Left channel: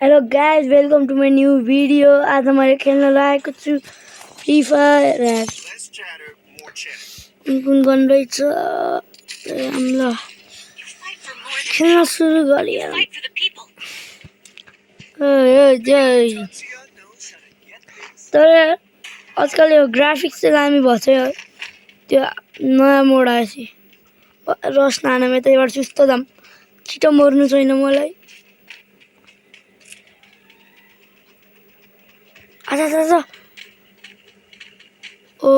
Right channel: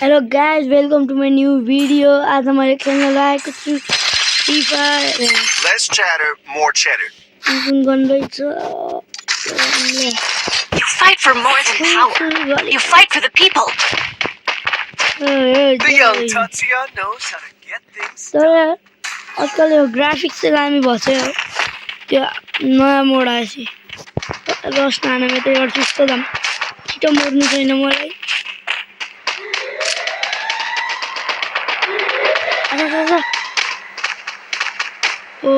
Hello guys, welcome to my new video. आज मैले खेल्न लागेको छु free fire. Less chatter, more cheddar. कुन गर्न रहेछ ल You fight for more than सुरु power. गरे You fight for the people. The young Tatsuya knows how to get things. तर आजकल यो ग्राफिक्स चाहिँ दामी भछ यार। त्यो नयाँ मोड आएपछि रस नानामा त एउटा सुस्तो दाम छिटो मर्नु छैन मलाई। आजा ओ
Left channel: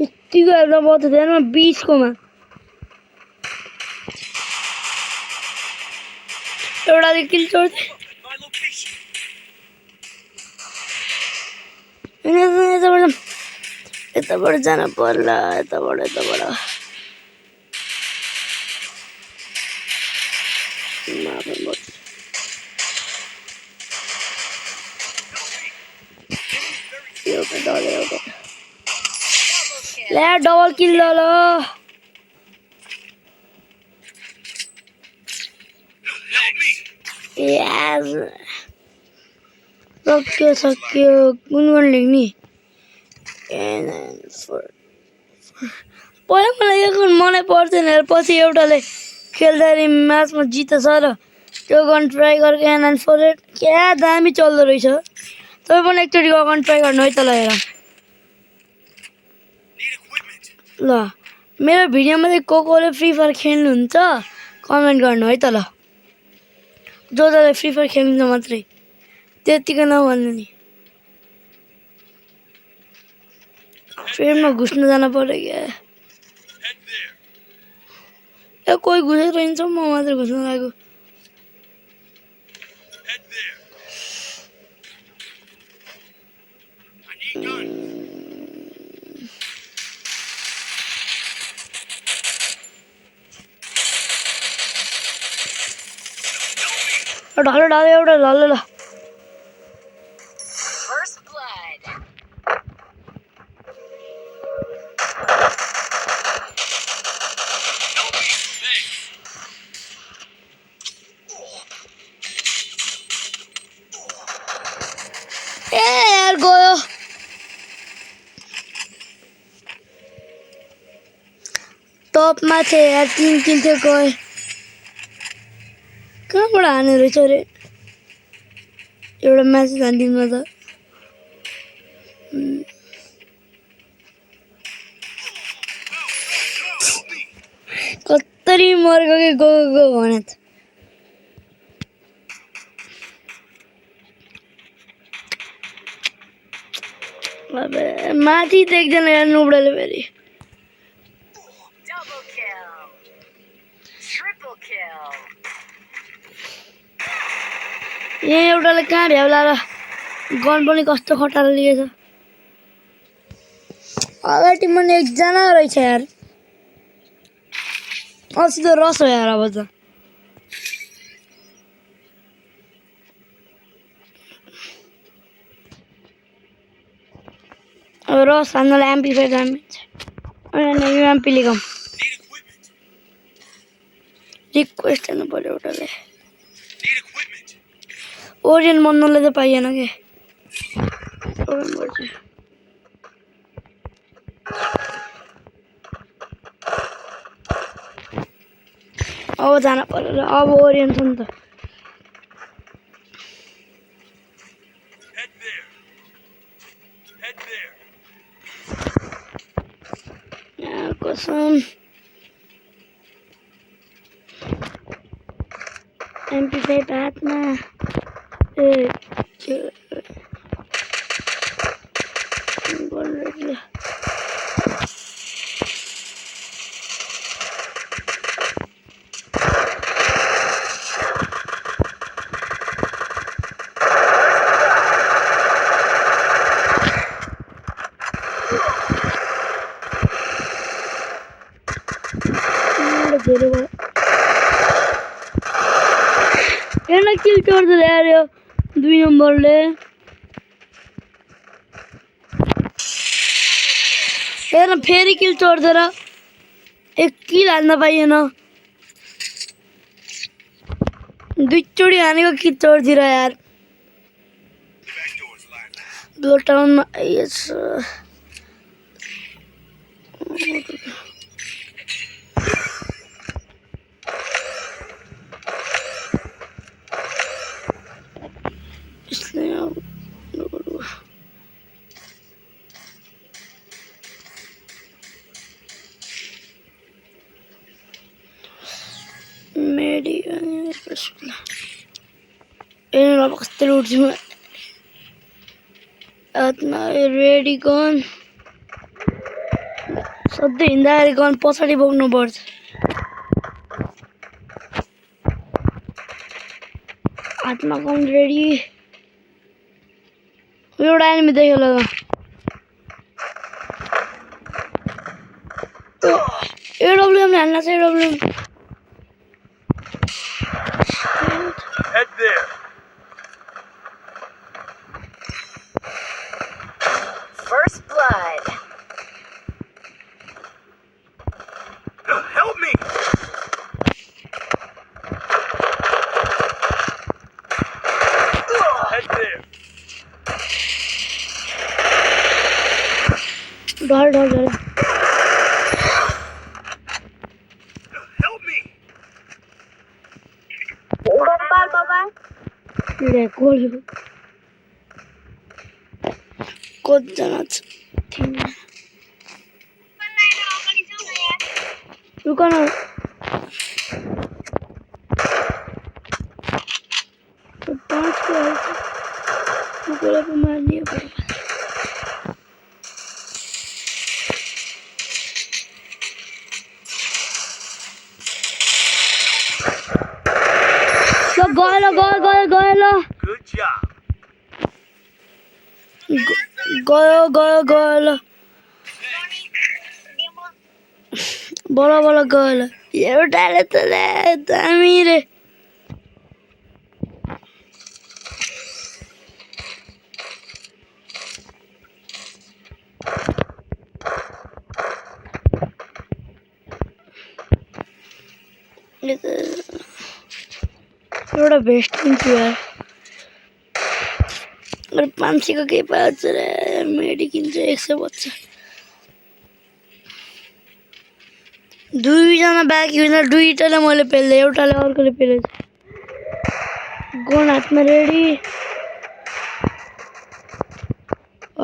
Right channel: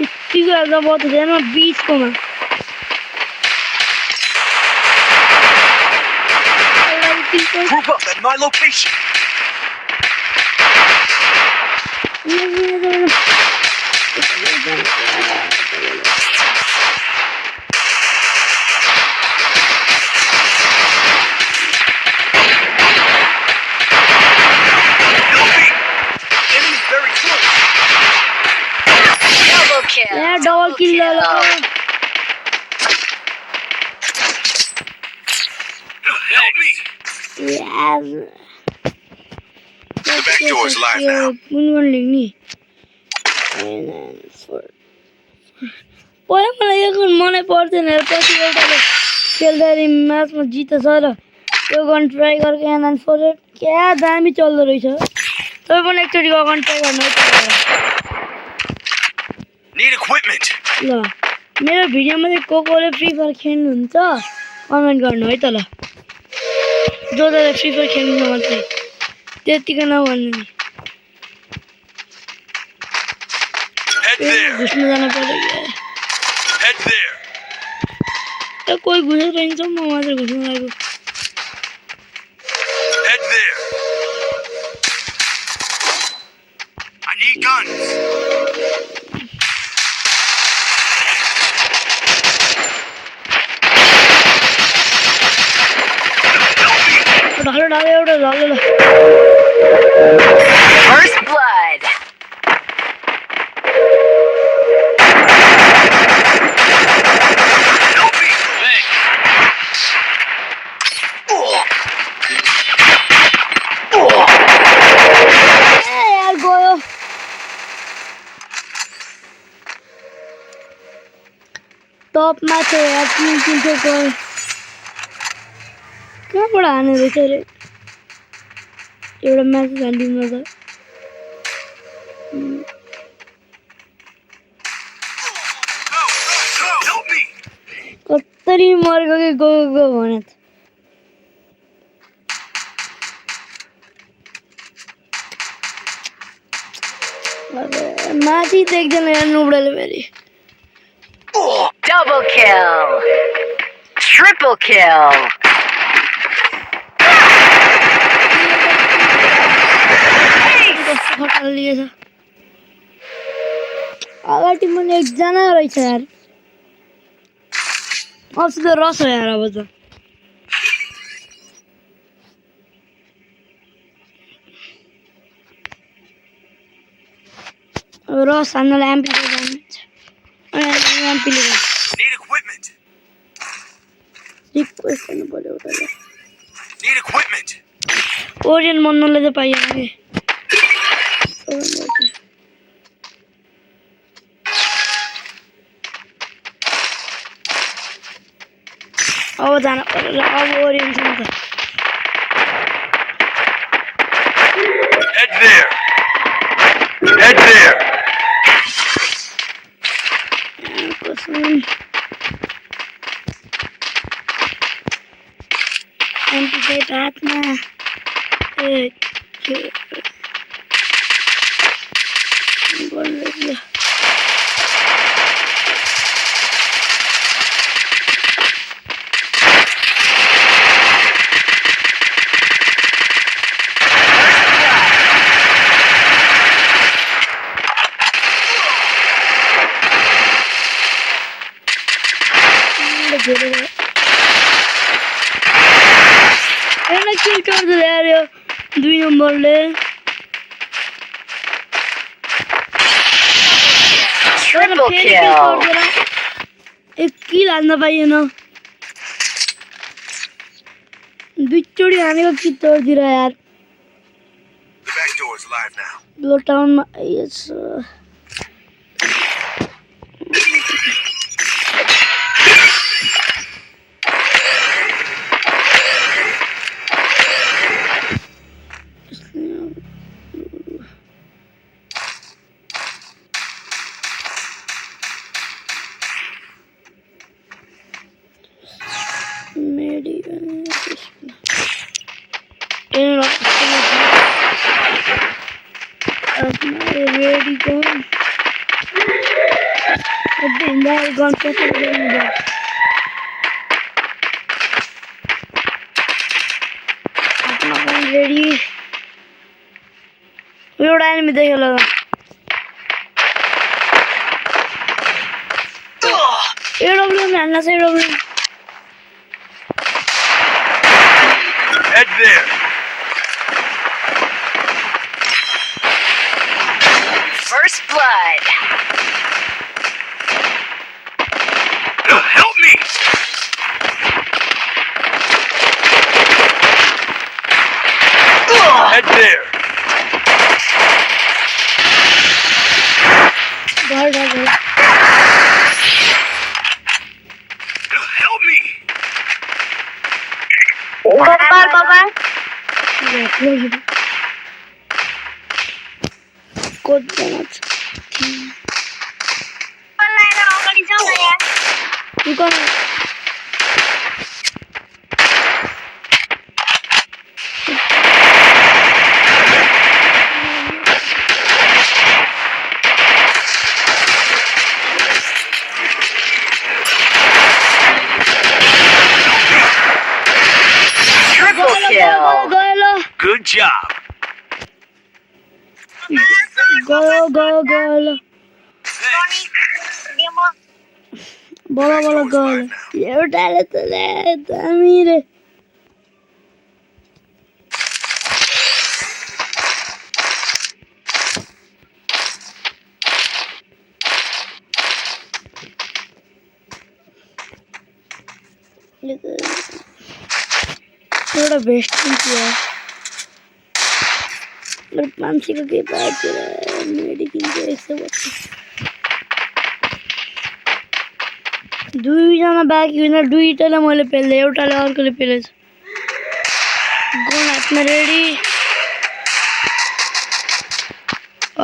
यति गर्दा बहुत हुँदैन 20 कोमा एउटा किल कर Group up at my location. यताबाट जानु पर्ला यताबाट Enemy very close. Double kill. यार डबल किल ल Help me. यार सक्यो कुन लेख्ने पहिला मलाई यो गन मनै पर्दैन पछि एउटाले खेल्दाखेरि म्याचमा जितेछ र यो गन ट्राई गरेको एनएन फर इट क्या दामी चल्दो रहेछ। तपाईँ पनि एकचोटि गन ट्राई गर्नु है त लगेर Need equipment. ल मेरो भिडियोमा चाहिँ कोले फ्री फायर खेल्नुहुन्छ कमेन्ट गर्नु है त ल जसले फ्री फायर खेल्नुहुन्छ मात्रै त्यतिकै नभन्नु नि Head पेनमा there. घुस्नु जानु पर्यो क्या Head there. ए कोही घुसेर रहन्छ म मात्रै घुस्नु लागेको Head there. I need guns. ढालो एउटा ढालो ल First blood. Help me. Thanks. ए यार गयो टपमा थियो यार 3 किल थियो गयो कहाँबाट हाने रहेछ अरे एउटा म्याच हानिदिनु त Help me. कतरी मरेको कि गयो भने त अबे माथि देख्दैन यार नुबडाले फेरि Double kill. Triple kill. ए एउटाले कहाँ भेला गन पनि कस्तो खटाल लिएछ अगाडि मन एकजना रहेछ यार अस्ति त रस हो यार अब त रस हान्नलाई एम्पीले जान्छ अनि यो एम्पीले गम Need equipment. रिक्वेस्ट हेर्नु पर्यो एउटाले Need equipment. ओरियन मन्नलाई त पाइएन कि अब जान पर्यो अब ओरियन छ नि त Head there. Head there. कसम एमपी फाइभ हातमा ए के किल छोड्दै यार यो 2 नम्बरले Triple फेरि किल kill. छोड्दैन एक किल हान्न पाइएन दुईचोटि हानेको किल छोडिदिएर यार The back door is live now. ब्लो टाउनमा आइएछ मेडी रेडी गन सधैँ हिँड्दाखेरि गन पछाडि बोक्नुपर्छ हातमा गन रेडी एउटा एनिमी देख्यो ल एडब्ल्युएम हाल्न छ एडब्ल्युएम Head there. First blood. Help me. Head there. घर घर घर Help me. कतिजना छ दुकान गयो Good job. ल बडा गयो ल एउटाले त दामी रे एउटा भेस्ट किन्छु यार अरे 500 को केही पार्छ रे मेडी किन्छ 125 दुईजना बाँकी होइन दुईटाले मैले पेल्दै एउटाले अर्कोले पेलेछ गन हातमा रेडी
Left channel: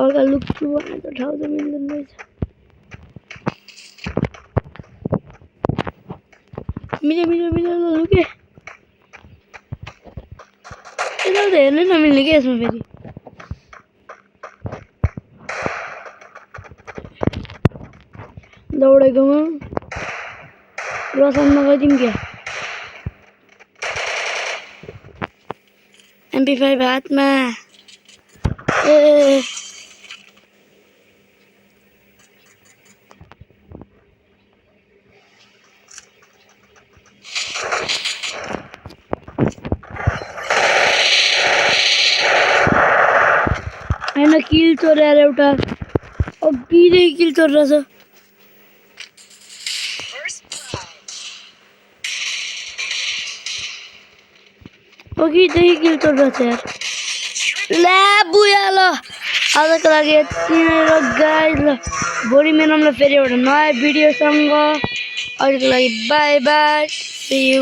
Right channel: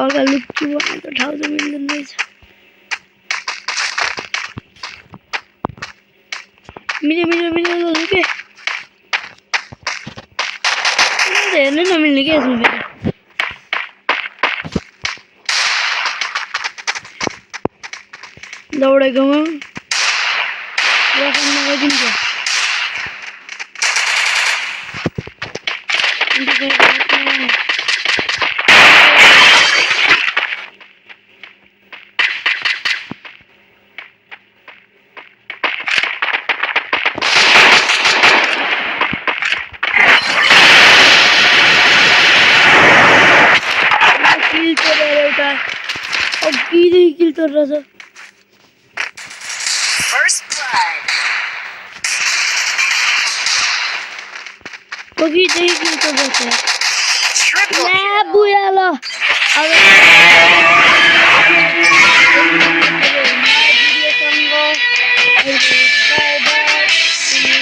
अर्का लुक्छु भने त ठाउँ त मिल्दैन रहेछ मिल्यो लुके यसो त हेर्नै नमिल्ने क्या यसमा फेरि दौडेकोमा रकम नगरिदिउँ क्या अन्त फेरि हातमा किल चोरेर एउटा अघिदेखि किल चोरेर First blood. अघिदेखि किल चोरेर Triple ला बुया ल आजको लागि भोलि मिलाउनु फेरि नयाँ भिडियोसँग अहिलेको लागि बाई बाई सी यू